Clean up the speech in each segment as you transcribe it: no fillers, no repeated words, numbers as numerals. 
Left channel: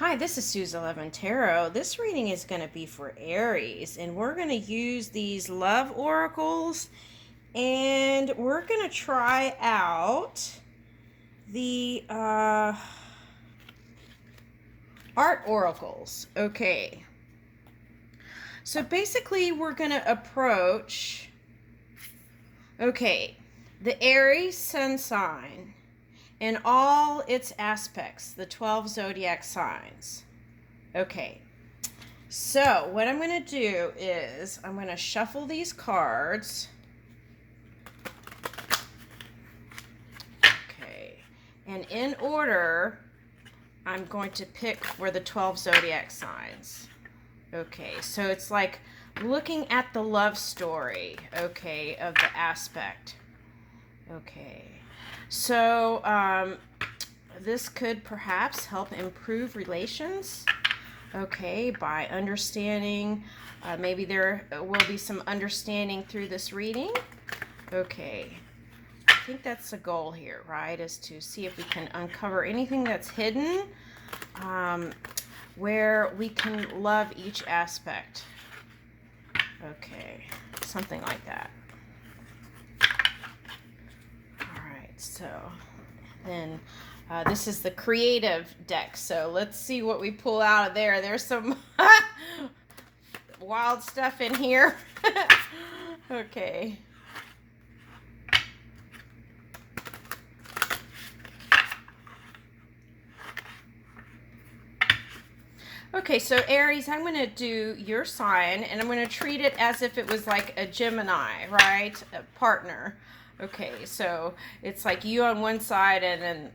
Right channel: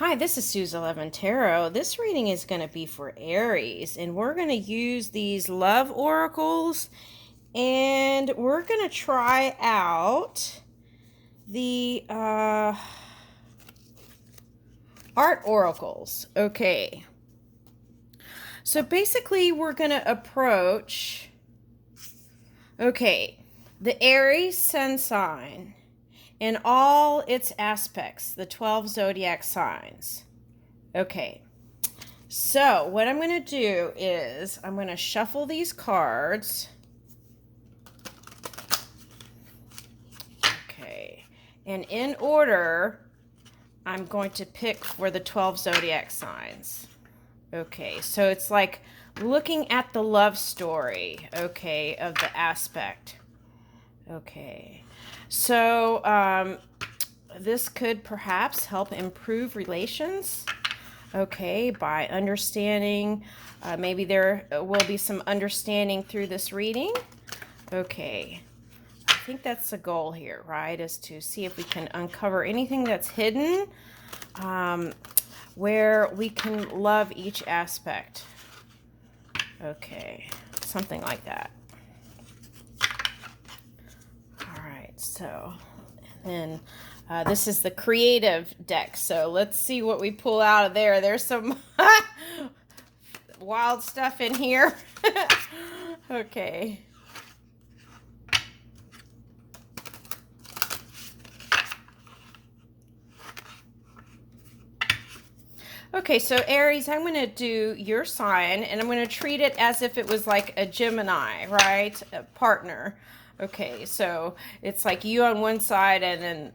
Hi, this is Sue's 11 Tarot. This reading is going to be for Aries, and we're going to use these love oracles, and we're going to try out the art oracles. Okay. So basically, we're going to approach, the Aries sun sign and all its aspects, the 12 zodiac signs. Okay. So what I'm going to do is I'm going to shuffle these cards. Okay. And in order, I'm going to pick for the 12 zodiac signs. Okay. So it's like looking at the love story, okay, of the aspect. Okay. So this could perhaps help improve relations. Okay, by understanding, maybe there will be some understanding through this reading. Okay, I think that's the goal here, right, is to see if we can uncover anything that's hidden, where we can love each aspect. Okay, something like that. All right, so then this is the creative deck, so let's see what we pull out of there. There's some wild stuff in here. Okay. Okay, so Aries, I'm going to do your sign, and I'm going to treat it as if it was like a Gemini, right? A partner. Okay, so it's like you on one side, and then,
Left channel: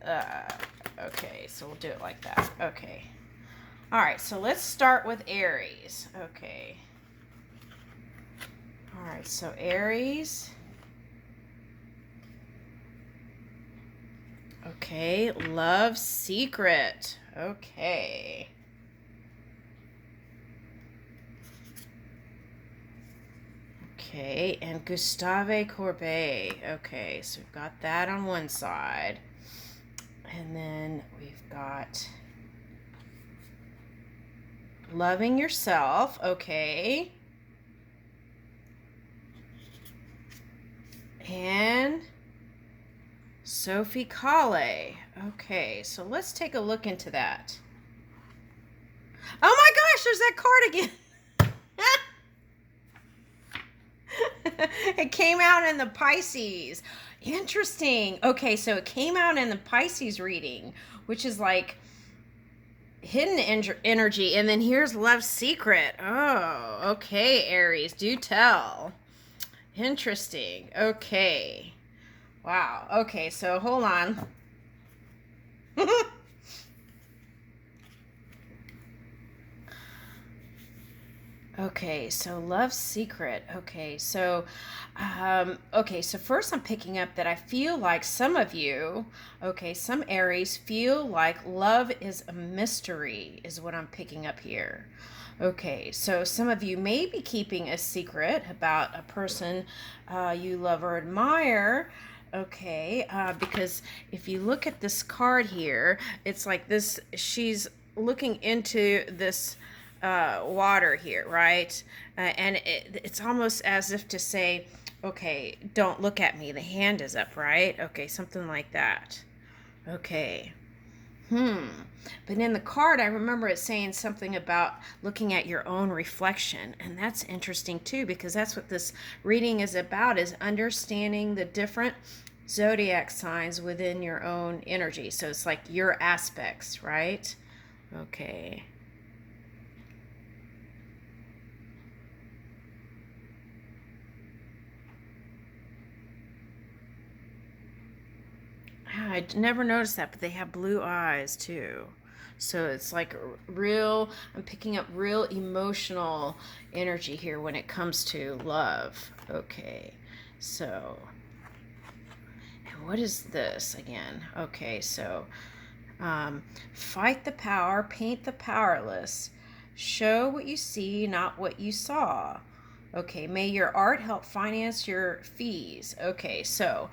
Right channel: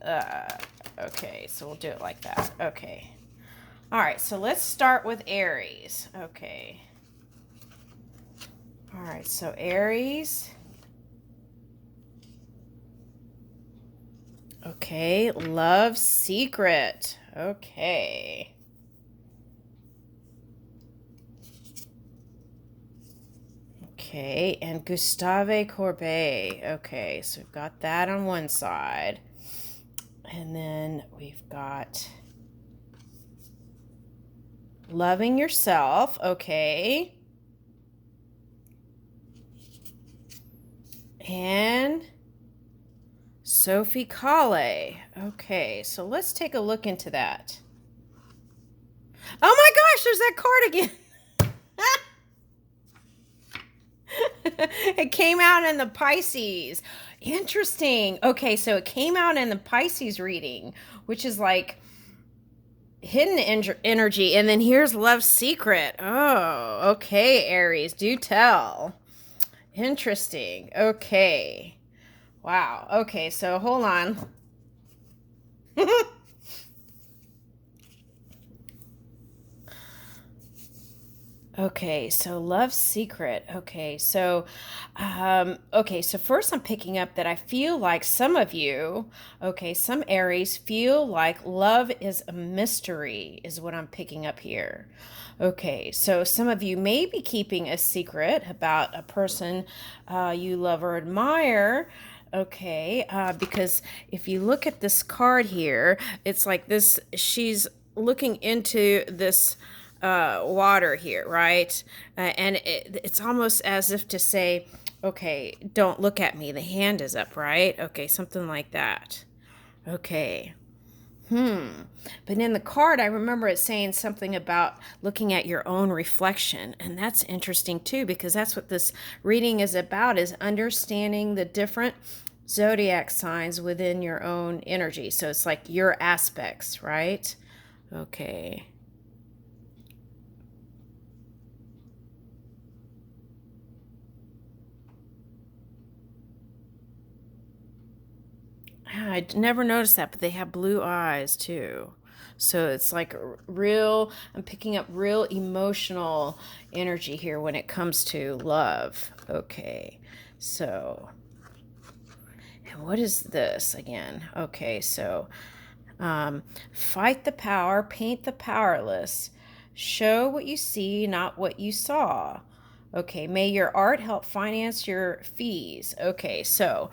okay, so we'll do it like that. Okay. All right, so let's start with Aries. Okay. All right, so Aries. Okay, love secret. Okay. Okay, and Gustave Courbet. Okay, so we've got that on one side. And then we've got loving yourself. Okay. And Sophie Calle. Okay, so let's take a look into that. Oh my gosh, there's that card again. It came out in the Pisces. Interesting. Okay, so it came out in the Pisces reading, which is like hidden energy. And then here's Love's Secret. Oh, okay, Aries, do tell. Interesting. Okay. Wow. Okay, so hold on. Okay, so Love's Secret. Okay, so first I'm picking up that I feel like some of you, okay, some Aries feel like love is a mystery, is what I'm picking up here. Okay, so some of you may be keeping a secret about a person you love or admire. Okay, because if you look at this card here, it's like this, she's looking into this water here, right? And it's almost as if to say, okay, don't look at me. The hand is up, right? Okay, something like that. Okay. But in the card, I remember it saying something about looking at your own reflection. And that's interesting too, because that's what this reading is about, is understanding the different zodiac signs within your own energy. So it's like your aspects, right? Okay. I never noticed that, but they have blue eyes too. So it's like real, I'm picking up real emotional energy here when it comes to love. Okay, so, and what is this again? Okay, so fight the power, paint the powerless, show what you see, not what you saw. Okay, may your art help finance your fees. Okay, so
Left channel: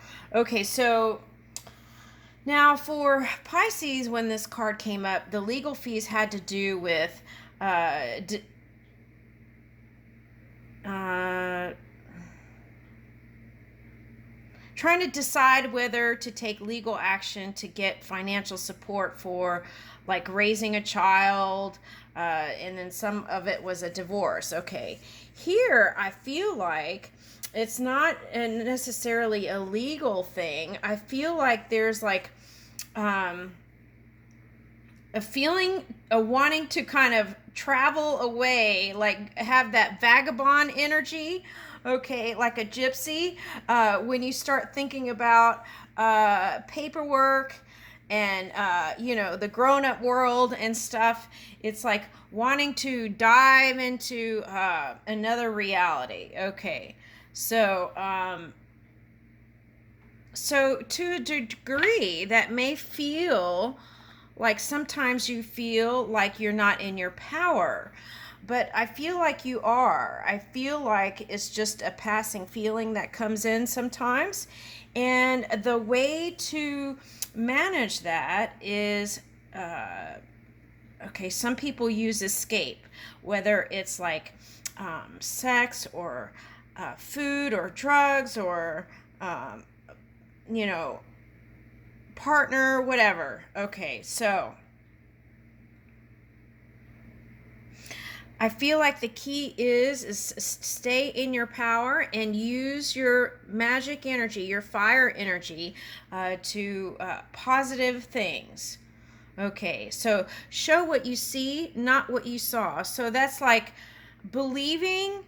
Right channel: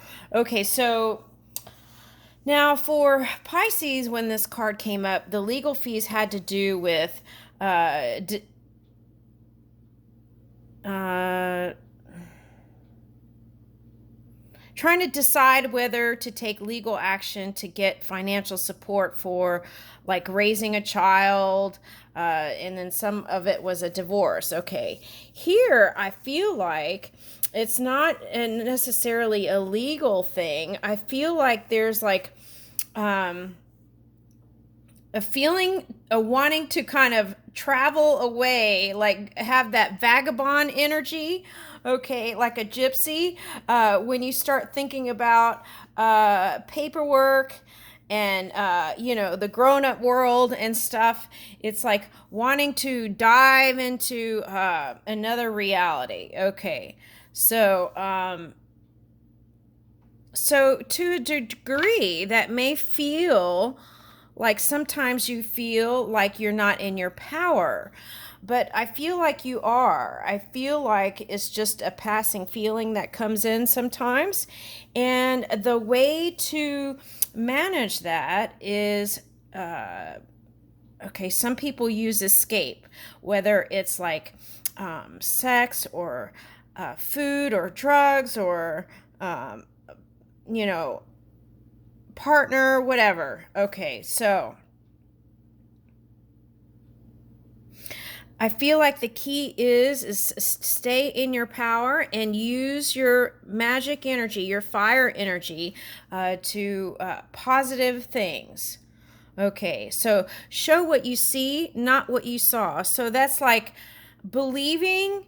Now, for Pisces, when this card came up, the legal fees had to do with uh, d- uh, trying to decide whether to take legal action to get financial support for like raising a child, and then some of it was a divorce. Okay, here I feel like it's not necessarily a legal thing. I feel like there's like um, a feeling, a wanting to kind of travel away, like have that vagabond energy, okay, like a gypsy. When you start thinking about paperwork and the grown-up world and stuff, it's like wanting to dive into another reality. Okay, so so to a degree that may feel like sometimes you feel like you're not in your power, but I feel like you are. I feel like it's just a passing feeling that comes in sometimes. And the way to manage that is okay, some people use escape, whether it's like sex or food or drugs or, um, you know, partner, whatever. Okay, so I feel like the key is stay in your power and use your magic energy, your fire energy, to positive things. Okay, so show what you see, not what you saw. So that's like believing,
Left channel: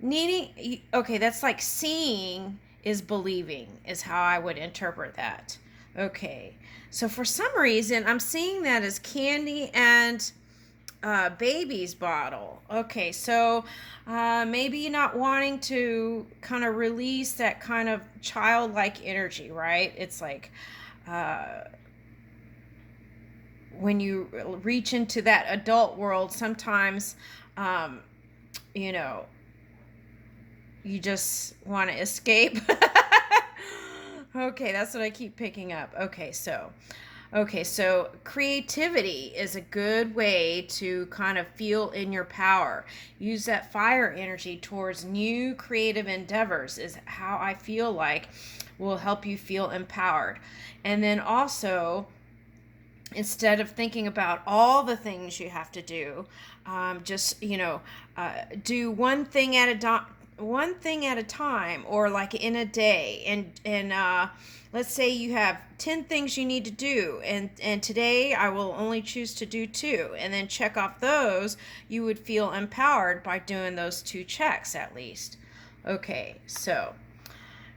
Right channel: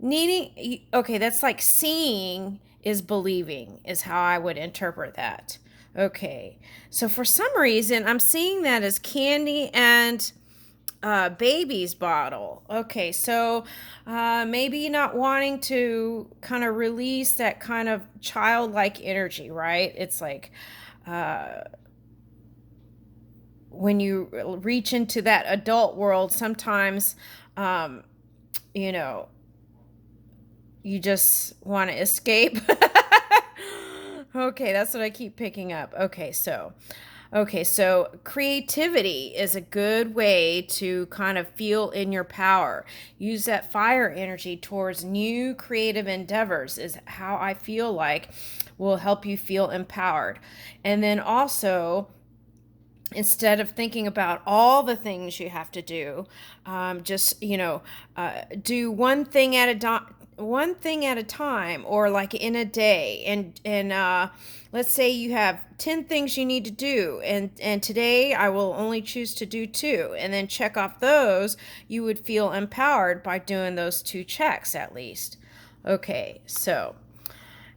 needing. Okay, that's like seeing is believing, is how I would interpret that. Okay, so for some reason, I'm seeing that as candy and baby's bottle. Okay, so maybe not wanting to kind of release that kind of childlike energy, right? It's like when you reach into that adult world, sometimes, um, you know, you just want to escape. Okay, that's what I keep picking up. Okay, so creativity is a good way to kind of feel in your power. Use that fire energy towards new creative endeavors, is how I feel like will help you feel empowered. And then also, instead of thinking about all the things you have to do, just do one thing at a time, or like in a day. And let's say you have 10 things you need to do, and today I will only choose to do 2, and then check off those. You would feel empowered by doing those 2 checks at least. Okay, so,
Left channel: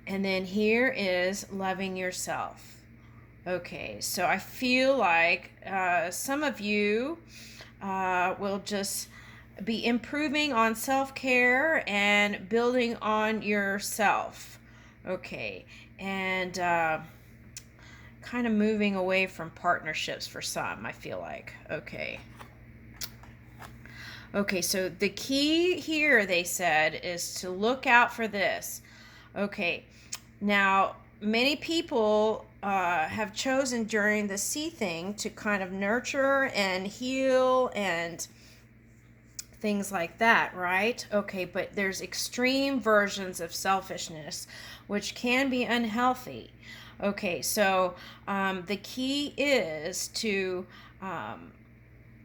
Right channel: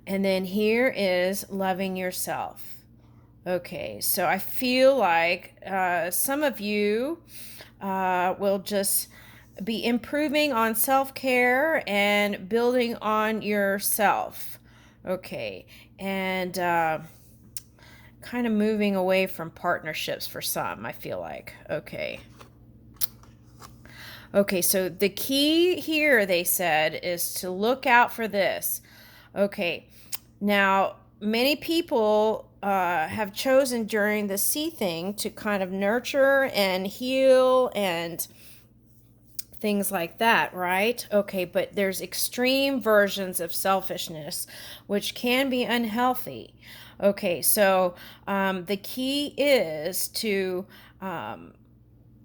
and then here is loving yourself. Okay, so I feel like some of you will just be improving on self care and building on yourself. Okay, and kind of moving away from partnerships for some, I feel like. Okay. Okay, so the key here, they said, is to look out for this. Okay, now many people have chosen during the sea thing to kind of nurture and heal and things like that, right? Okay, but there's extreme versions of selfishness which can be unhealthy. Okay, so the key is to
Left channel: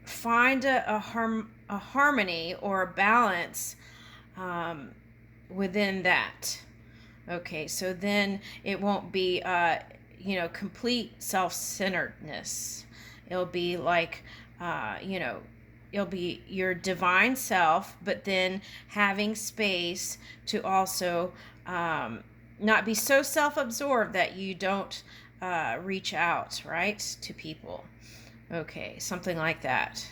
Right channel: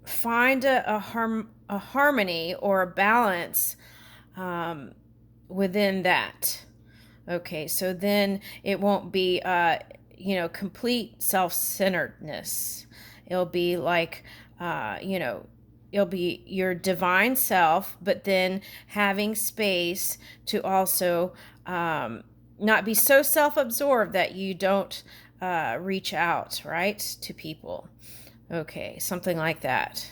find a harmony or a balance um, within that. Okay, so then it won't be, complete self-centeredness. It'll be like, it'll be your divine self, but then having space to also not be so self-absorbed that you don't reach out, right, to people. Okay, something like that.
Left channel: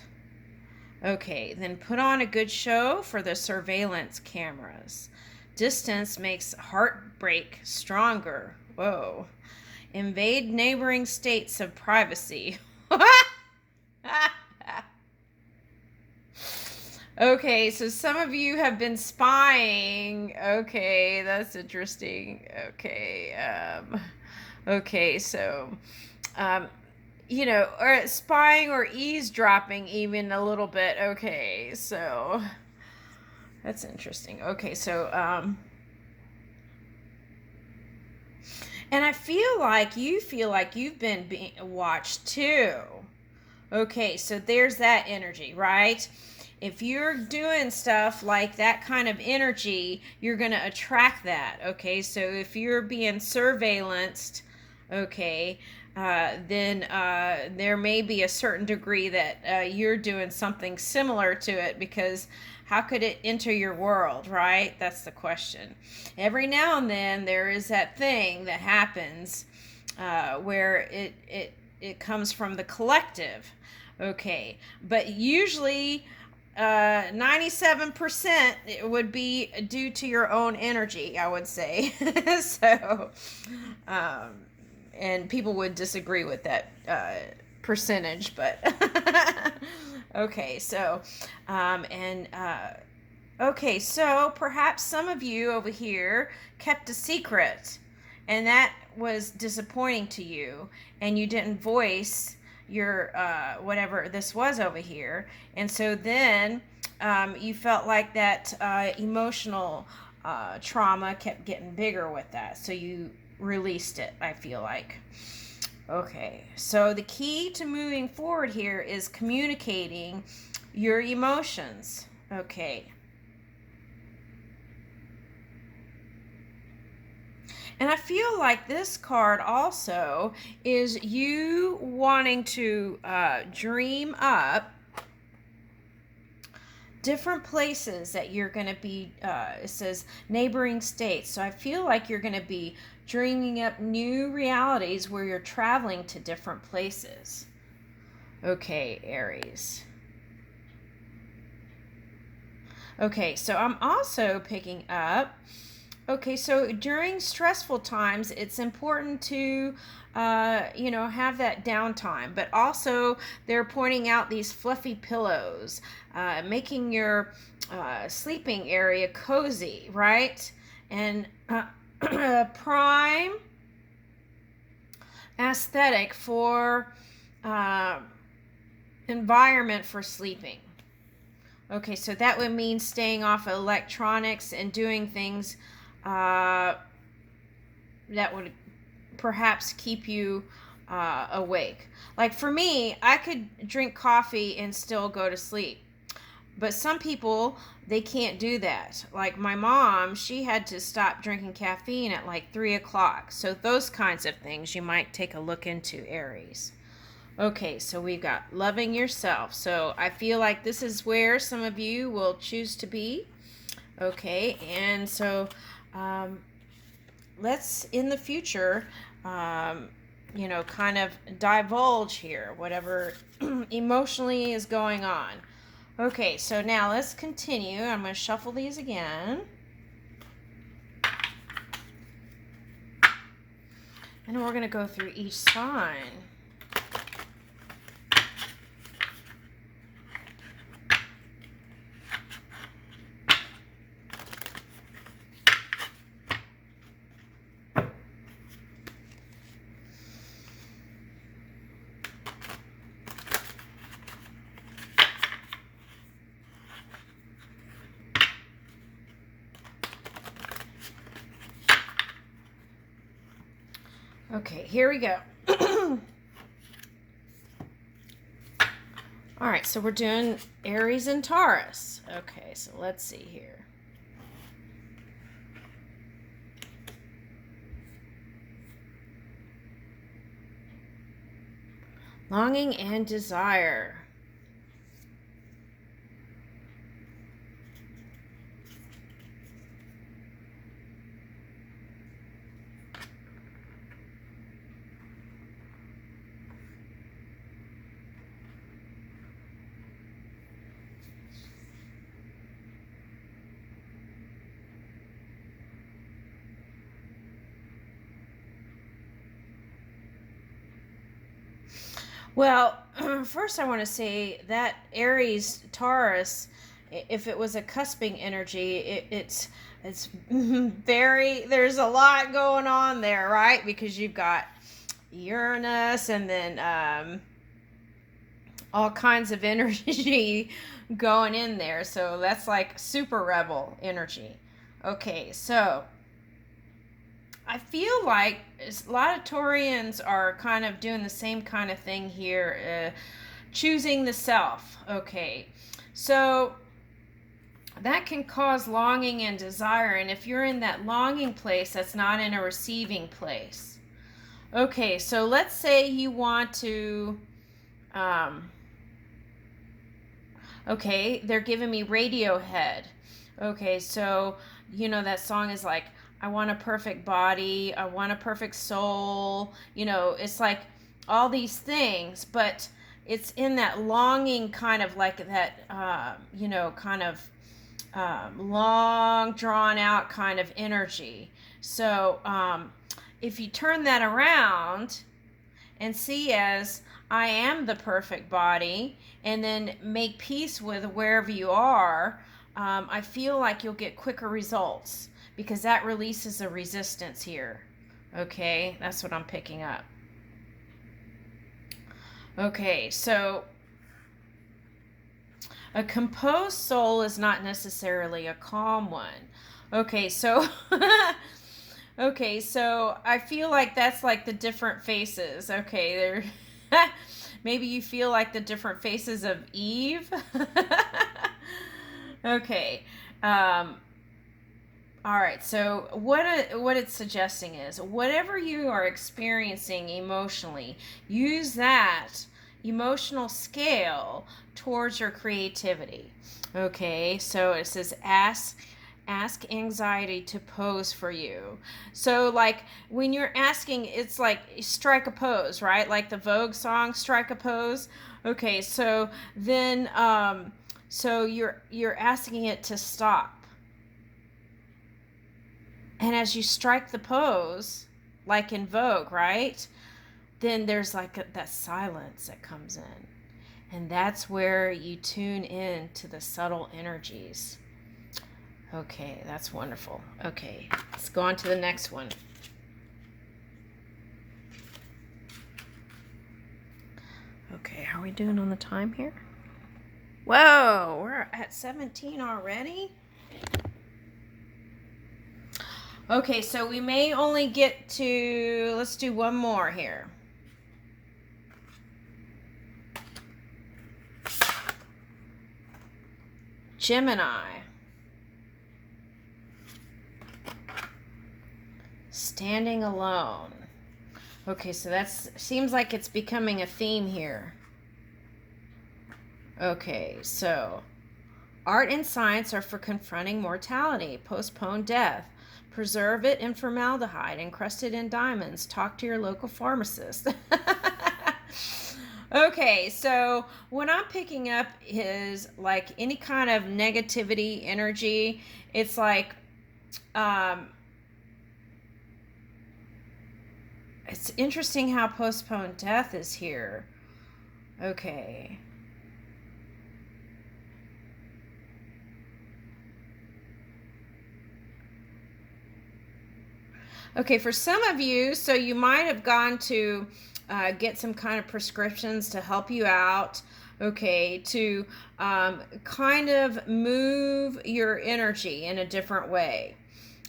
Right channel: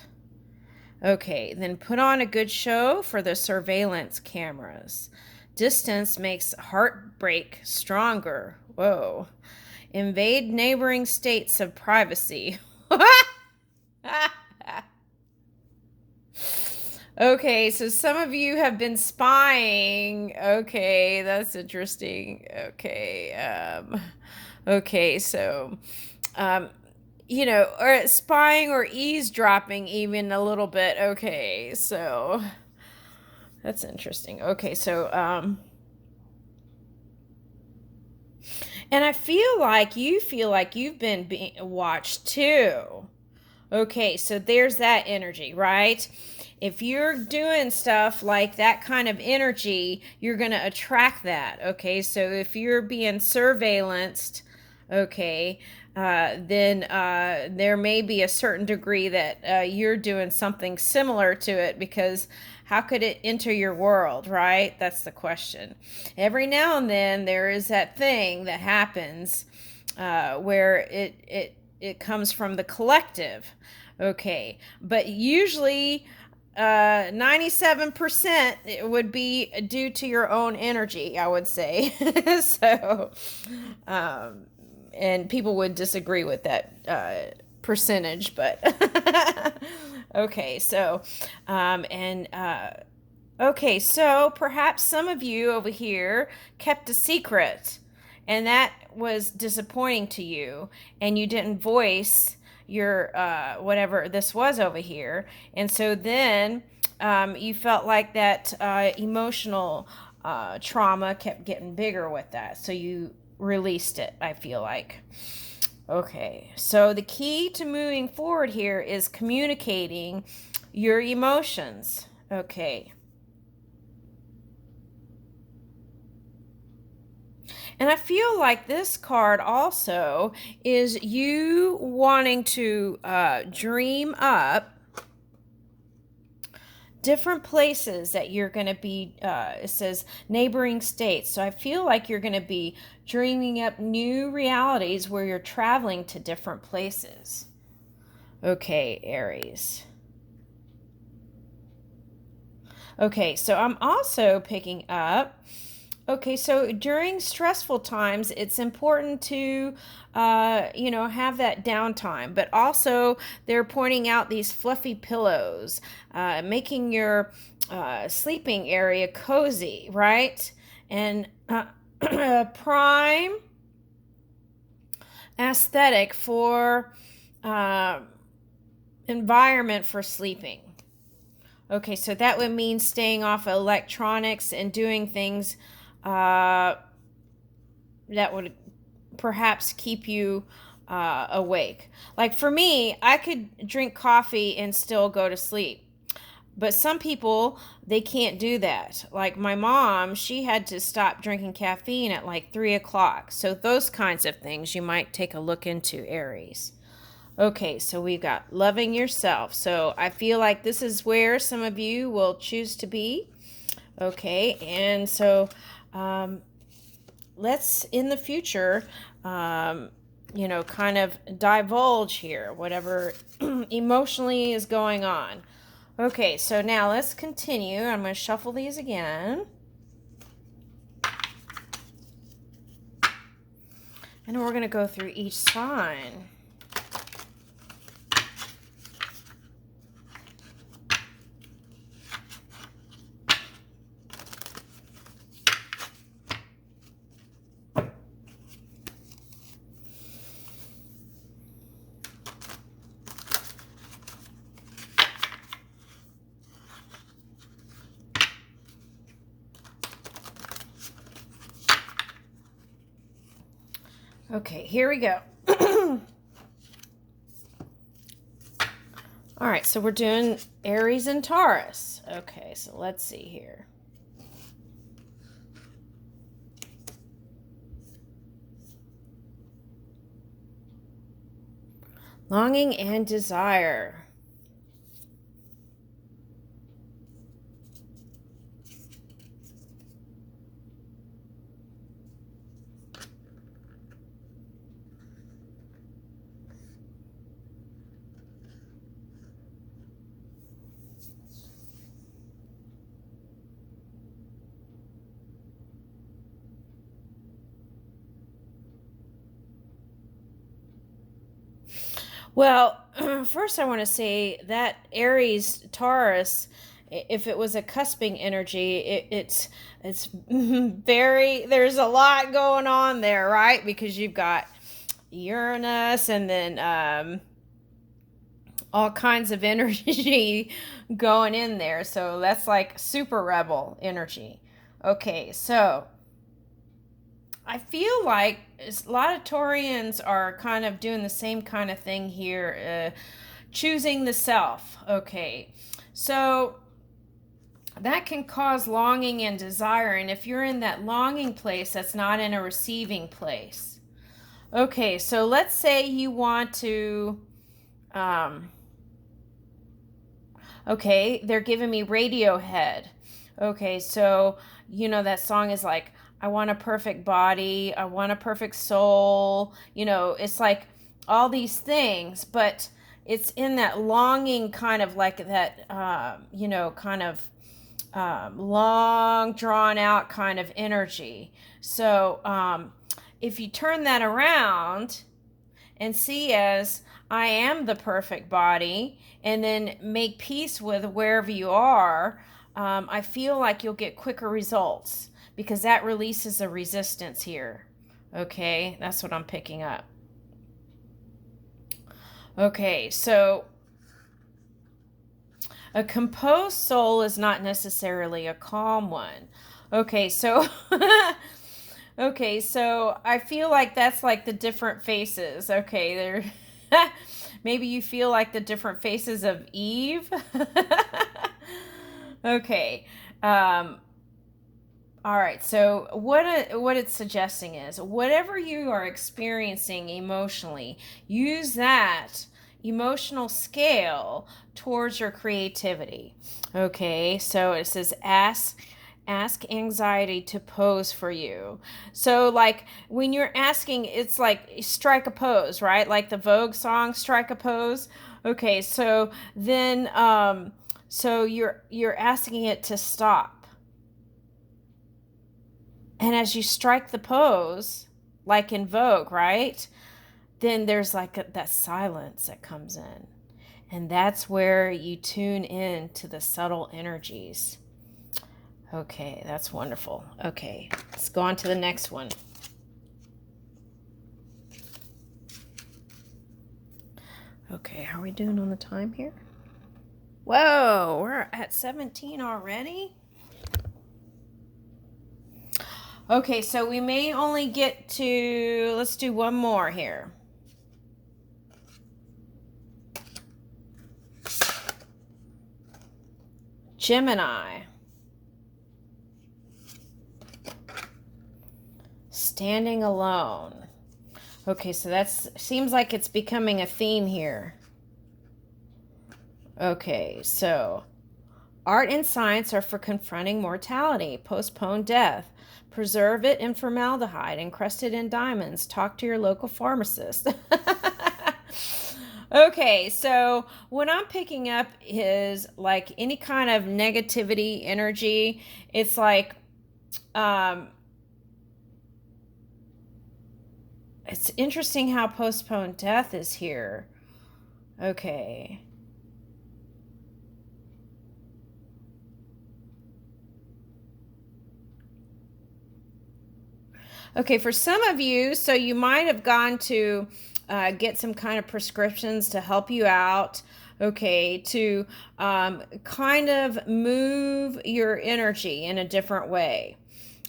Okay, then put on a good show for the surveillance cameras. Distance makes heartbreak stronger. Whoa. Invade neighboring states of privacy. Okay, so some of you have been spying. Okay, that's interesting. Okay, okay, so you know, or spying or eavesdropping even a little bit. Okay, so that's interesting. Okay, so and I feel like you've been being watched too. Okay, so there's that energy, right? If you're doing stuff like that kind of energy, you're going to attract that. Okay, so if you're being surveillanced, okay, then there may be a certain degree that you're doing something similar to it, because how could it enter your world, right? That's the question. Every now and then there is that thing that happens where it comes from the collective. Okay, but usually 97% it would be due to your own energy, I would say. So and people would disagree with that percentage, but okay, so and okay, so perhaps some of you over here kept a secret, and that was disappointing to you, and you didn't voice your whatever this was over here, and so then you felt like that emotional trauma kept getting bigger with that, so you released it, I feel like. Okay, so the key to moving forward here is communicating your emotions. Okay. And I feel like this card also is you wanting to dream up different places that you're going to be, it says neighboring states. So I feel like you're going to be dreaming up new realities where you're traveling to different places. Okay, Aries. Okay, so I'm also picking up, okay, so during stressful times, it's important to, have that downtime. But also, they're pointing out these fluffy pillows, making your sleeping area cozy, right? And prime aesthetic for environment for sleeping. Okay, so that would mean staying off electronics and doing things that would perhaps keep you awake. Like for me, I could drink coffee and still go to sleep. But some people, they can't do that. Like my mom, she had to stop drinking caffeine at like 3 o'clock. So those kinds of things you might take a look into, Aries. Okay, so we've got loving yourself. So I feel like this is where some of you will choose to be. Okay, and so let's in the future, kind of divulge here, whatever emotionally is going on. Okay, so now let's continue. I'm going to shuffle these again. And we're going to go through each sign. Okay, here we go. All right, so we're doing Aries and Taurus. Okay, so let's see here. Longing and desire. Well, first I want to say that Aries Taurus, if it was a cusping energy, it's very, there's a lot going on there, right? Because you've got Uranus, and then all kinds of energy going in there. So that's like super rebel energy. Okay, so I feel like a lot of Taurians are kind of doing the same kind of thing here, choosing the self. Okay, so that can cause longing and desire. And if you're in that longing place, that's not in a receiving place. Okay, so let's say you want to, um, okay, they're giving me Radiohead. Okay, so you know that song is like, I want a perfect body, I want a perfect soul. You know, it's like all these things, but it's in that longing kind of like that, you know, kind of long, drawn out kind of energy. So if you turn that around and see as I am the perfect body, and then make peace with wherever you are, I feel like you'll get quicker results because that releases a resistance here. Okay, that's what I'm picking up. Okay, so a composed soul is not necessarily a calm one. Okay, so okay, so I feel like that's like the different faces. Okay, there maybe you feel like the different faces of Eve. Okay. Um all right. So what it's suggesting is whatever you are experiencing emotionally, use that emotional scale towards your creativity. Okay? So it says ask anxiety to pose for you. So like when you're asking, it's like strike a pose, right? Like the Vogue song strike a pose. Okay, so then so you're asking it to stop. And as you strike the pose, like in Vogue, right? Then there's like that silence that comes in. And that's where you tune in to the subtle energies. Okay, that's wonderful. Okay, let's go on to the next one. Okay, how are we doing on the time here? Whoa, we're at 17 already? Okay, so we may only get to, let's do one more here. Gemini. Standing alone. Okay, so that's seems like it's becoming a theme here. Okay, so art and science are for confronting mortality, postpone death, preserve it in formaldehyde, encrust it in diamonds, talk to your local pharmacist. Okay, so what I'm picking up is like any kind of negativity energy. It's like, it's interesting how postponed death is here. Okay. Okay, for some of you, so you might have gone to get some kind of prescriptions to help you out, okay, to kind of move your energy in a different way.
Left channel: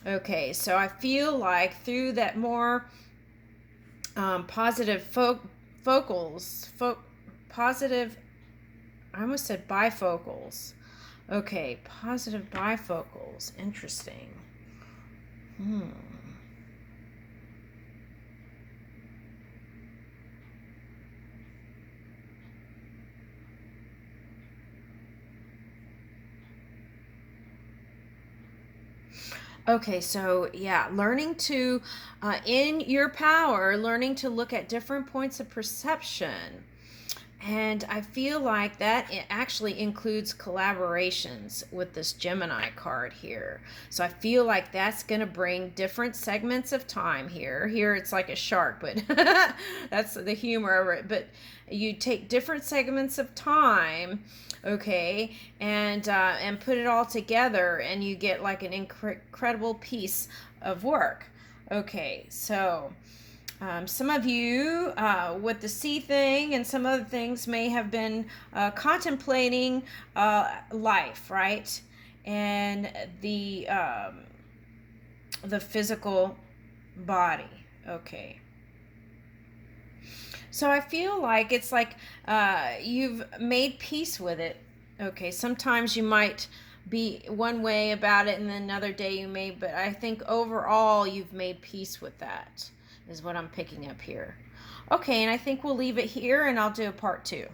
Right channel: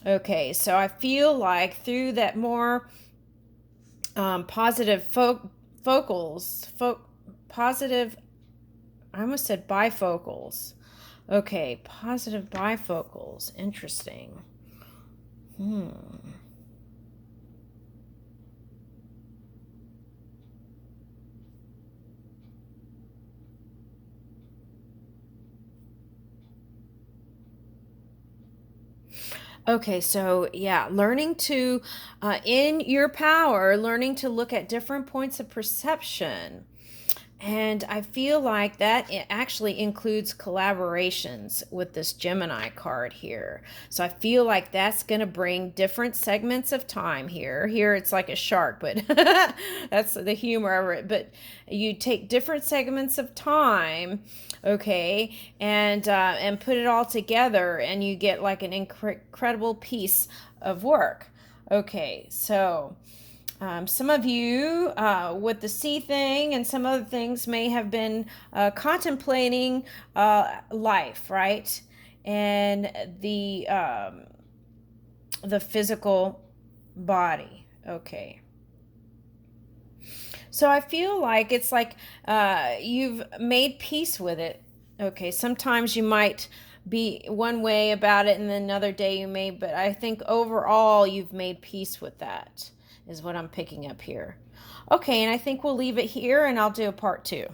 Okay, so I feel like through that more positive positive, I almost said bifocals. Okay, positive bifocals. Interesting. Okay, so yeah, learning to, in your power, learning to look at different points of perception. And I feel like that it actually includes collaborations with this Gemini card here. So I feel like that's going to bring different segments of time here. Here it's like a shark, but that's the humor of it. But you take different segments of time, okay, and put it all together, and you get like an incredible piece of work. Okay, so Some of you with the sea thing and some other things may have been contemplating life, right? And the physical body. Okay. So I feel like it's like you've made peace with it. Okay, sometimes you might be one way about it and then another day you may, but I think overall you've made peace with that, is what I'm picking up here. Okay, and I think we'll leave it here and I'll do a part 2.